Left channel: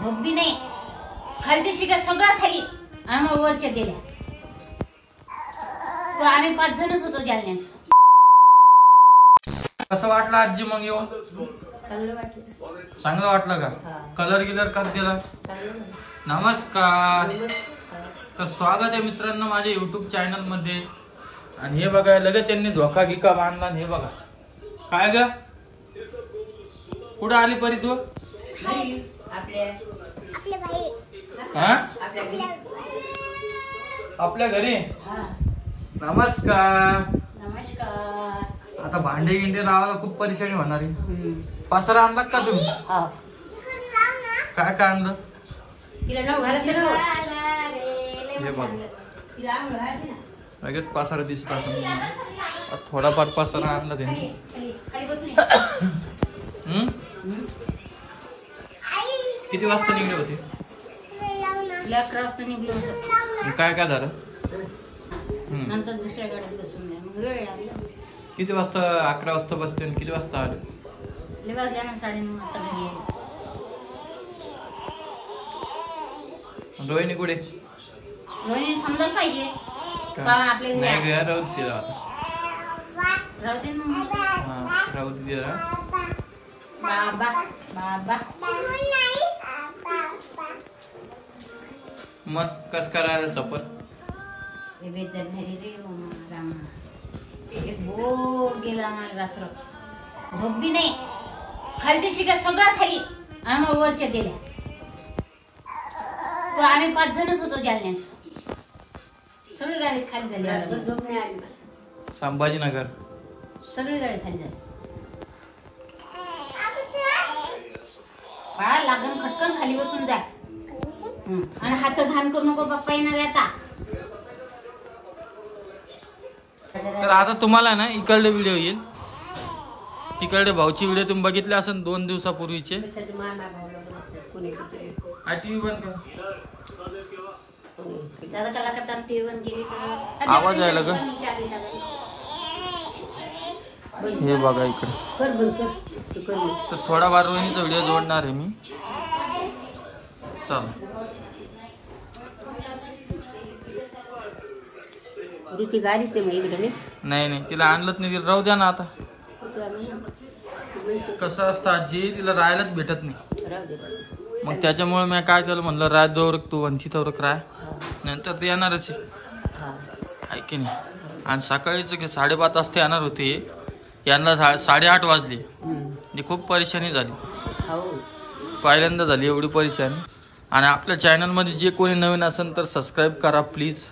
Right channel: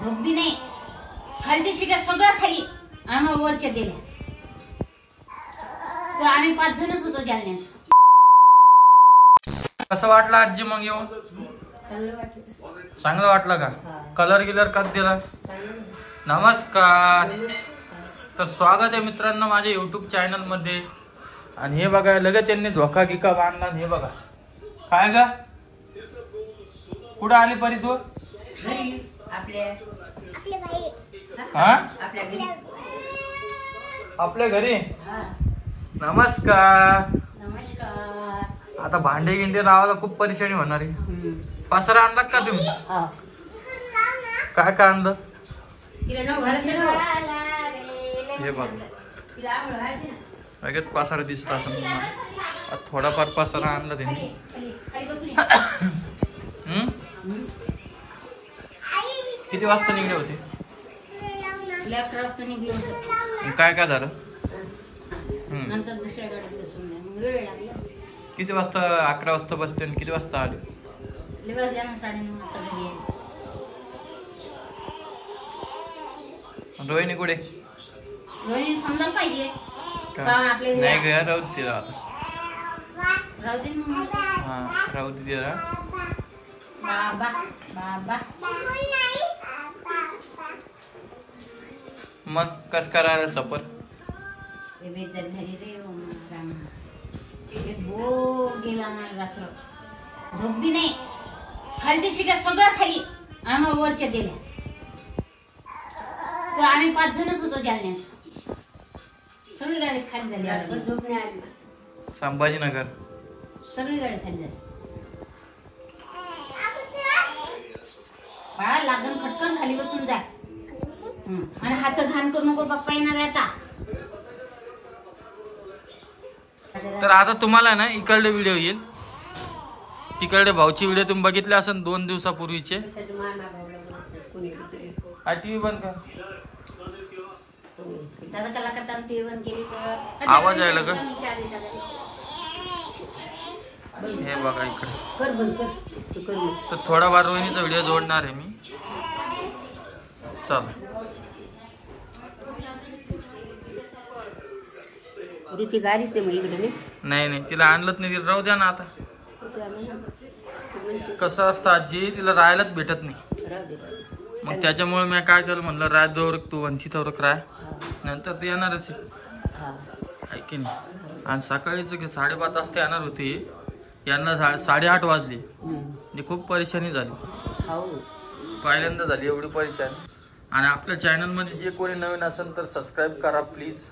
झोप बी नाही. खालच्या शिट्या सगळ्या खाली आम्ही वरच्या गेल्या. तर आम्ही 5 जणच होतो जालन्यात. कसं वाटलं आजी मग येऊन? चांगलं वाटलं का? कलर गिलर का दिला? नमस्कार. तर स्वागत आहे मित्रांनो माझ्या युट्यूब चॅनल मध्ये. आणि हे बघा लगेच त्यांनी धोका गिका बांधला. हे बघा काय ग कुठं आली परी तू? आपल्या घरी. नमस्कार. नमस्कार. आता भांडे गिंडे लावायला खूप परेशानी होणार आहे. पसरा आणला का तुम्ही? काय काय आणलं? हे बघ लगेच पसारा दिसत असं. थोडाफार पसारा आणला त्यांनी. किती वाजता निघले होते? 11 वाजता निघलो होतो. काय काय झालं? नंतर दुसऱ्या गाडीत बसून मग वेळ लागला. किती वाजता? 11 वाजता बसते आणि किती वाजता आले? वाजल्या ना 9:30 वाजता घरी आले. रोहिणी कुठे? रोहिणी समजायला पाहिजे आपल्या नाही ग राहू दे आता. राहू दे मग. हा राहू दे जरा. बाबा बाबा मग कस करायला सफर? बेदर घरी रे राम. एक बोर गेला आम्हाला रात्र. झोप बी नाही. खालच्या शिट्या सगळ्या खाली आम्ही वरच्या गेल्या. तर आम्ही 5 जणच होतो जालन्यात. सगळी गाडी खाली झाली. संभाजीनगर सगळी गाडी खाली झाली. बाळा लागण खटकन खाली बसून जा. आणि हात घाण करू नको बाप्पा येणार आता. तर आता तुम्हाला ना इकडे व्हिडिओ येईल. तिकडे भाऊची व्हिडिओ तुम्ही बघितले असेल 2 दिवसापूर्वीचे. टीव्ही बंद कर. आवाज यायला का? हे बघा इकडे. तर थोडा वार रोहिणीचा व्हिडिओ जोडणार आहे मी. चला गाडीच नाही नाही तिला आणलंच नाही. तिला राहू द्या ना आता. कसं असतं आजी तिला राहायलाच भेटत नाही. मग त्याच्यामुळे मी काय केलं म्हणलं राय जोर तू आणि तिथं राय. नंतर ते येणारच आहे की नाही. आणि सकाळीच 5:30 वाजता येणार होते. यांना 8:30 वाजले. म्हणजे खूप परेशानी झाली. पहिल्यांदा झाली एवढी परेशानी. आणि आपल्या चॅनल मध्ये जे कोणी नवीन असेल तर सबस्क्राईब करा प्लीज.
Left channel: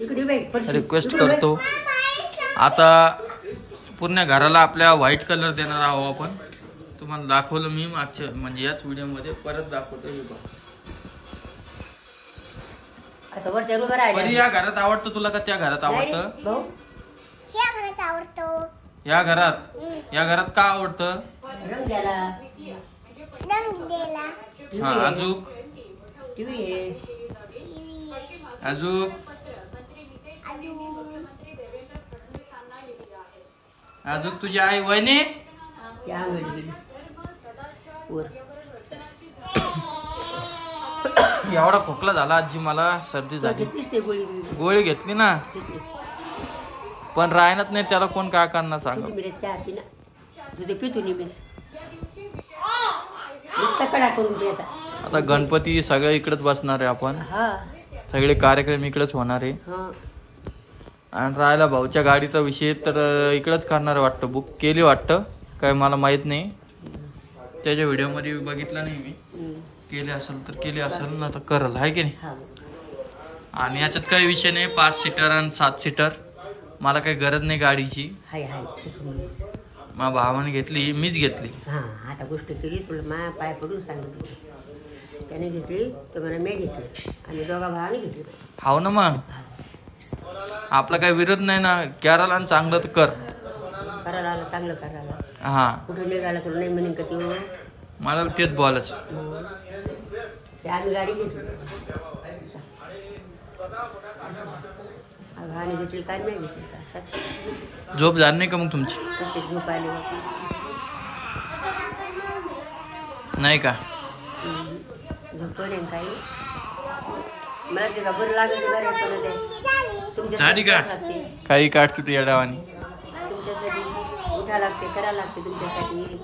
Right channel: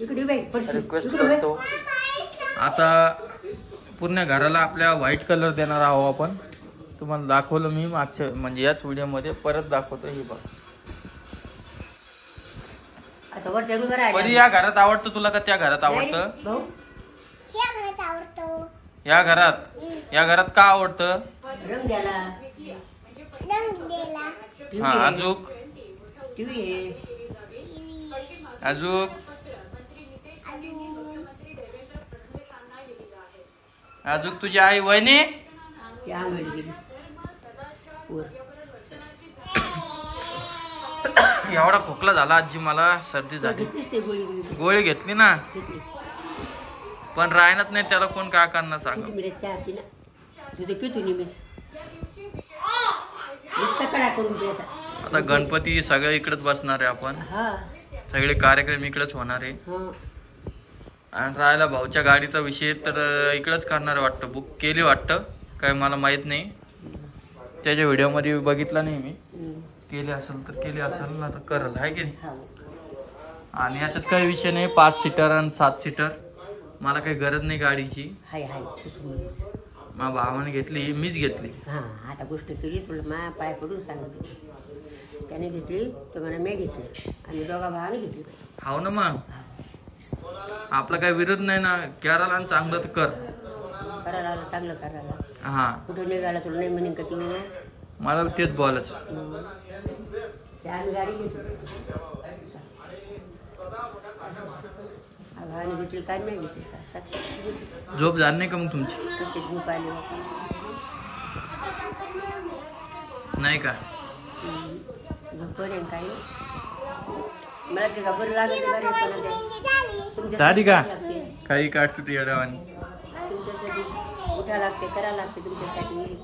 रिक्वेस्ट करतो. आता पूर्ण घराला आपल्या व्हाईट कलर देणार आहोत आपण. तुम्हाला दाखवलं मी मागच्या म्हणजे याच व्हिडिओ मध्ये. परत दाखवतो. परी या घरात आवडतं तुला का त्या घरात आवडतं? या घरात का आवडतं? हा अजूक अजूक अजून तुझी आई वहिनी एवढा खोकला झाला आजी मला. सर्दी झाली. गोळी घेतली ना पण राहणार नाही. त्याला कोण काय करणार सांग. आता गणपती सगळं इकडेच बसणार आहे आपण. सगळे कार्यक्रम इकडेच होणार आहे. आणि राहायला भाऊच्या गाडीचा विषय तर इकडेच करणार वाटतं. बुक केली वाटतं काय मला माहित नाही. त्याच्या व्हिडिओ मध्ये बघितला नाही मी. केले असेल तर केले असेल ना तर करल आहे की नाही. आणि याच्यात काही विषय नाही. 5 सीटर आणि 7 सीटर मला काही गरज नाही गाडीची. माझ्या भावाने घेतली मीच घेतली. आता गोष्ट केली तुला मा पाय पडून सांगत होती. त्याने घेतली तर मला मी घेतली आणि दोघा भावाने घेतली. हाव ना मग आपला काही विरोध नाही ना. करायला आणि चांगलं तर कर. करायला आलं चांगलं करायला. हा कुठे निघाला तुला नाही म्हणेन का तू? मला तेच बोलायचं. आम्ही गाडी घेतली. भावाने घेतली काय नाही घेतली का? झोप झाली नाही का मग तुमची? कशी झोप आली नाही का? झोपण आहे काही मला ते का बरं लागत घरी पण ते दाढी का लागते काही काढते तू या डावानी तुमच्यासाठी उठा लागते करा लागते तुमच्यासाठी.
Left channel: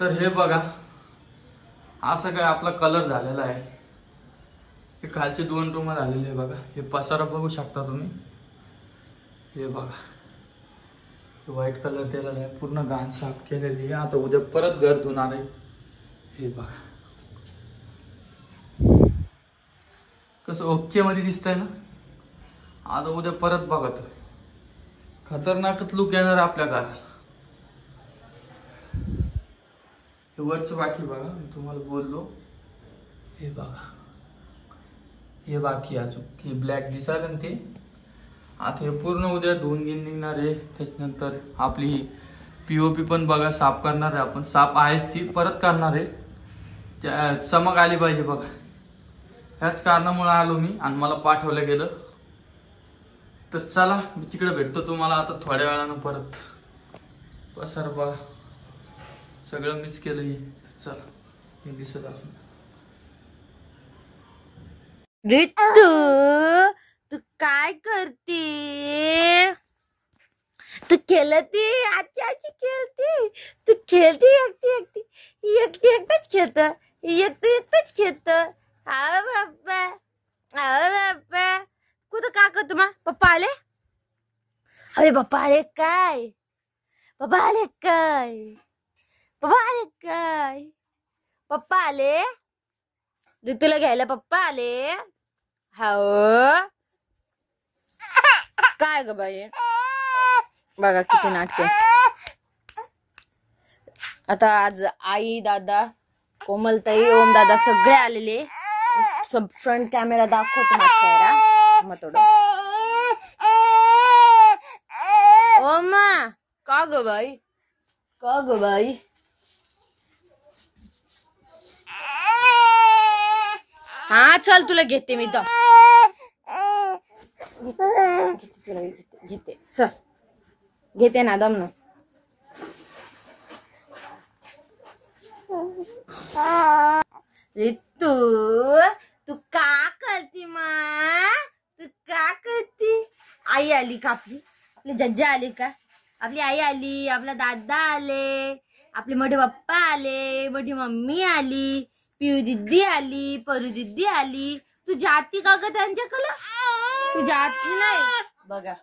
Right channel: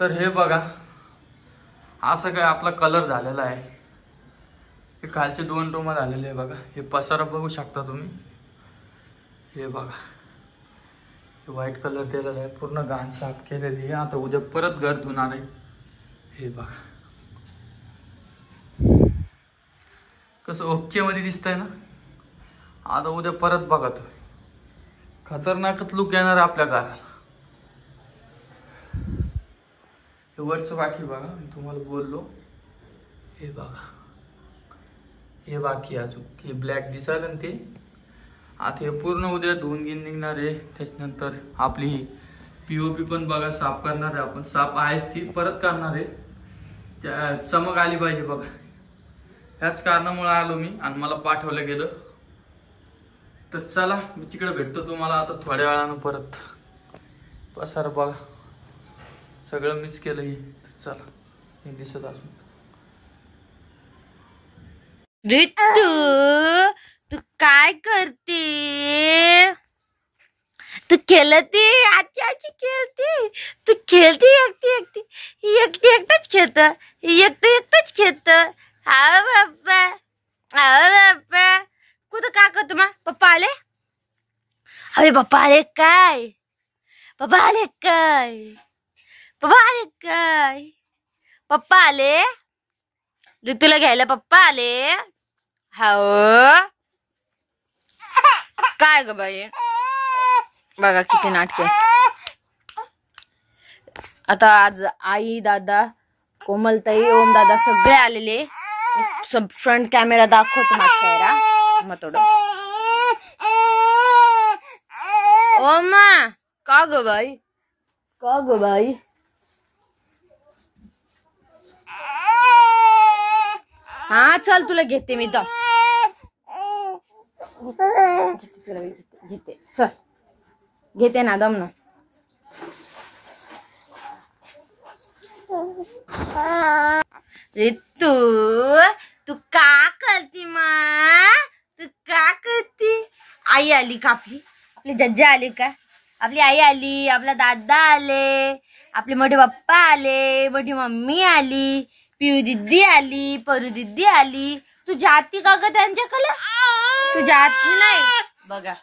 तर हे बघा असं काय आपला कलर झालेला आहे. हे खालचे 2 रूम झालेले आहे बघा. हे पसारा बघू शकता तुम्ही. हे बघा व्हाईट कलर दिलेला आहे. पूर्ण घाण साफ केलेली आहे. आता उद्या परत घर धुणार आहे. हे बघा कसं ओके मध्ये दिसतंय ना. आता उद्या परत बघा तुम्ही खतरनाकच लुक येणार आपल्या घराला. हे वरचं बाकी बघा मी तुम्हाला बोललो. हे बघा हे बाकी अजून हे ब्लॅक दिसायला ना ते. आता हे पूर्ण उद्या धुवून घेऊन निघणार आहे. त्याच्यानंतर आपली ही POP पण बघा साफ करणार आहे आपण. साफ आहेच ती परत करणार आहे. चमक आली पाहिजे बघा. ह्याच कारणामुळे आलो मी आणि मला पाठवलं गेलं. तर चला मी तिकडे भेटतो तुम्हाला आता थोड्या वेळानं परत. पसार बघा सगळं मीच केलं हे. चला हे दिसत असून ऋतू तू काय करते? तू खेळते आजी आजी खेळते. तू खेळते एकटी एकटी एकटी एकटाच खेळत एकटंच खेळत. हा बाप्पा हा बाप्पा कुठं का करतो मग पप्पा आले? अरे पप्पा आले काय? पप्पा आले काय? पप्पा आले काय? पप्पा आले ऋतूला घ्यायला पप्पा आले. हो काय ग बाई बघा किती नाटक. आता आज आई दादा कोमलताई ओम दादा सगळे आलेले. सब फ्रंट कॅमेरा दाखवतो माझा चेहरा मग थोडं. ओमा का ग बाई का ग बाई हा चल तुला घेते मी तर घेते चल घेते ना दम ना. ऋतू तू का करती माँ? तू का करती? आई आली का आपली? आपली जज्जा आली का? आपली आई आली, आपला दादा आले, आपले मोठे पप्पा आले, मोठी मम्मी आली, पिऊ दिदी आली, परू दिदी आली. तू जाती का ग त्यांच्याकडे? तू जाती नाही बघा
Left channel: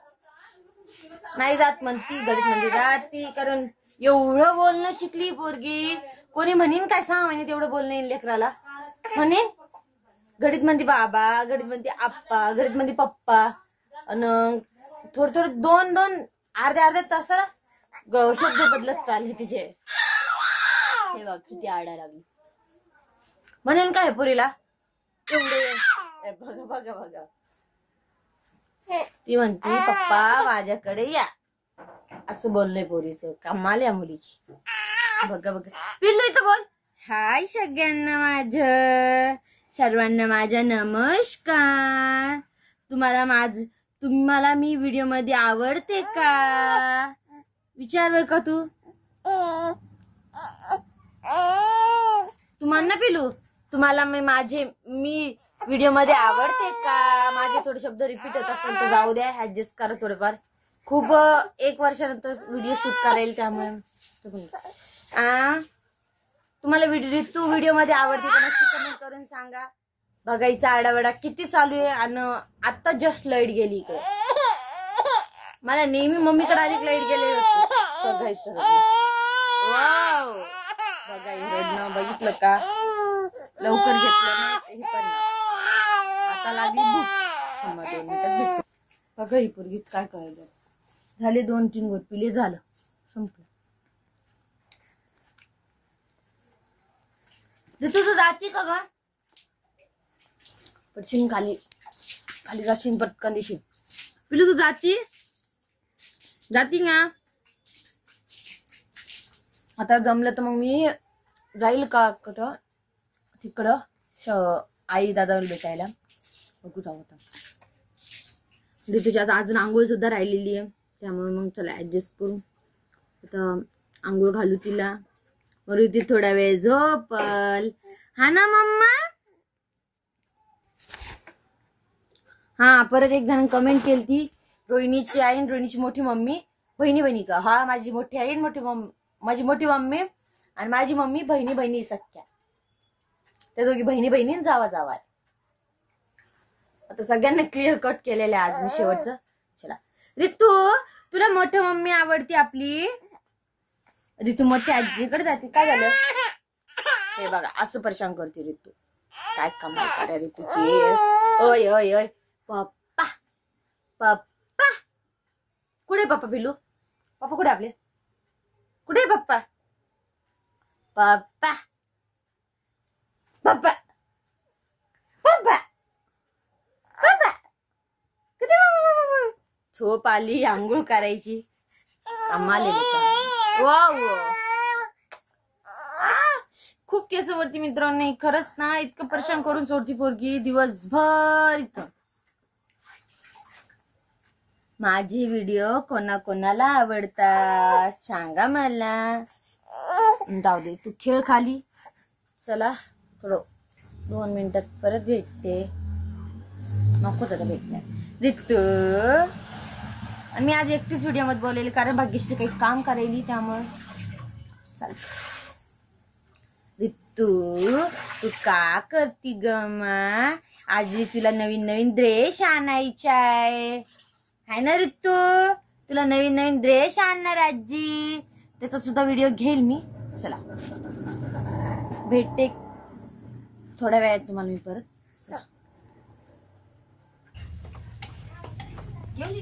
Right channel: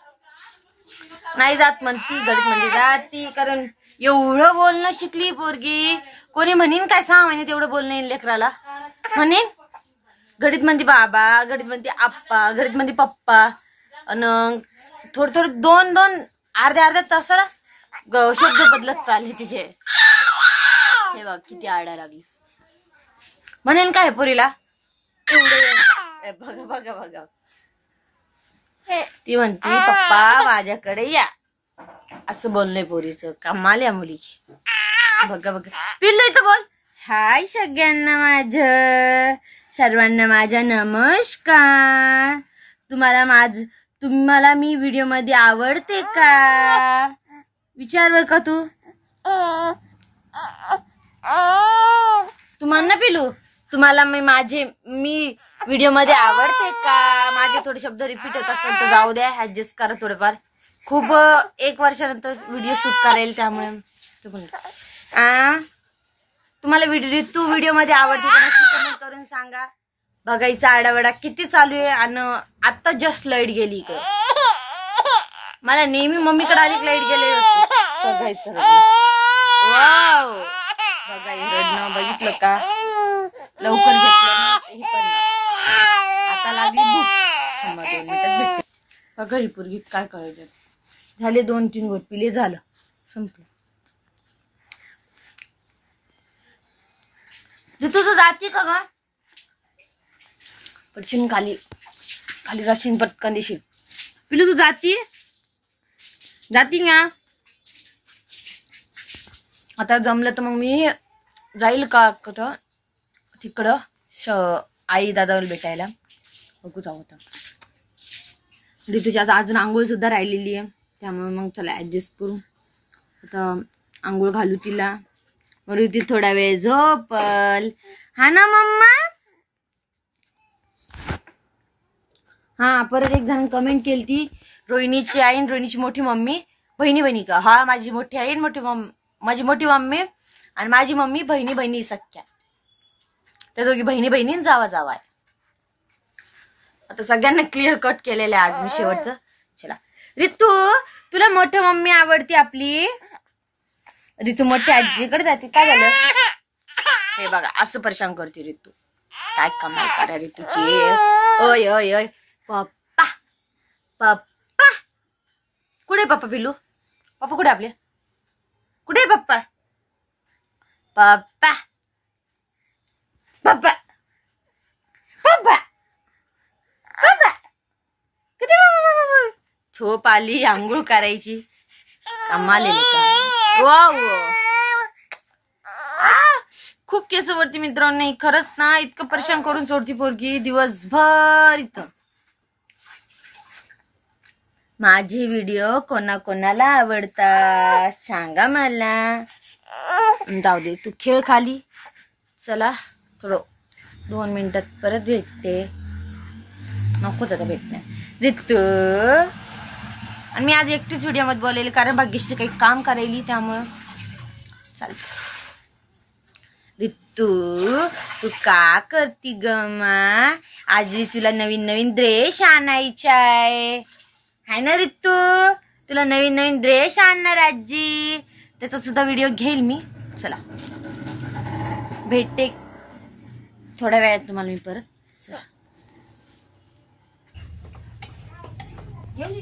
नाही जात म्हणती घडीत म्हणजे जाती. कारण एवढं बोलणं शिकली पोरगी. कोणी म्हणीन काय 6 महिने तेवढं बोलणं येईल लेकराला. म्हणेन घडीत म्हणते बाबा घडीत म्हणते आप्पा घडीत म्हणते पप्पा आणि थोडं 2-2 अर्ध्या तासाला शब्द बदलत चालले तिचे. हे बघ किती आडा लागली. म्हणेन काय पोरीला एवढे बघा बघा बघा. ती म्हणते पप्पा माझ्याकडे या असं बोललंय पोरीचं. कमाल या मुलीची. बघा बघा पिल्लू इथं बोल. हाय सगळ्यांना सर्वांना माझा नमस्कार. तुम्हाला मी व्हिडिओ मध्ये आवडते का? विचार बर का तू. तुम्हाला पिलू तुम्हाला मी व्हिडिओ मध्ये आवडते का? माझे थोडे शब्द रिपीट होत असेल तर जाऊ द्या ऍडजस्ट करा थोडेफार. खूप 1 वर्षानंतर व्हिडिओ शूट करेल त्यामुळे तुम्हाला व्हिडिओ मध्ये आवडते का नक्की कमेंट करून सांगा. बघायचा आडावडा किती चालू आहे आणि आता जस्ट लाईट गेली इकडे. मला नेहमी मम्मीकडे आली लाईट गेले बघायचं. वाव बघा रडणं बघितलं का लवकर घेतलं ना हे पण. आता लागली भूक 2 मिनिटात भेटते. बघा ही पोरगी काय करायचं. झाले 2-3 घोट पिले झालं संपलं. तुझं जाती का ग? पडशील खाली जाशील पटकन देशील. पिलू तू जाती का? आता जमलं तर मग मी जाईल का कुठं तिकडं आई दादाला भेटायला. बघू जाऊ आता. ऋतूच्या आता अजून आंघोळ सुद्धा राहिलेली आहे त्यामुळे मग चला ऍडजस्ट करू. आता आंघोळ घालू तिला मग ऋतू थोडा वेळ झोपल. हा ना मम्मा. हा परत एक जण कमेंट केली ती, रोहिणीची आई आणि रोहिणीची मोठी मम्मी बहिणी बहिणी का. हा माझी मोठी आई आणि माझी मोठी मम्मी आणि माझी मम्मी बहिणी बहिणी सख्या. त्या दोघी बहिणी बहिणी जावा जावा. आता सगळ्यांना क्लिअर कट केलेलं आहे आज मी शेवटचं. चला ऋतू तुला मोठी मम्मी आवडती आपली. ऋतू मोठी आजीकडे जाते. काय झालं हे बघा असं परेशान करते ऋतू. काय कमाल करा ऋतूची. ओय ओय ओय पप्पा पप्पा कुठे पप्पा पिलू. पप्पा कुठे आपले. कुठे पप्पा. पप्पा पप्पा पप्पा पप्पा किती झोप आली. आंघोळ करायची. कमाल खूप केस वरती मित्रांनो. खरंच ना इतकं परेशान करून सोडती पोरगी दिवसभर. इथं माझे व्हिडिओ कोणाकोणाला आवडतात सांगा मला. जाऊ दे तू खेळ खाली. चला थोडं 2 मिनिटात परत भेटते. नकोच आता भेटणार ऋतू. आणि मी आज एकटीच व्हिडिओ मध्ये बोललेली कारण भाग्यश्री काही काम करायली त्यामुळं चालत. ऋतू तू का करती गमा. आज तुला नवीन नवीन ड्रेस आणायचा आहे ना ऋतू. तुला नवीन नवीन ड्रेस आणणार आजी. त्याचा सुद्धा व्हिडिओ घेईल मी. चला भेटते थोड्या वेळात तुम्हाला मी परत. घेऊन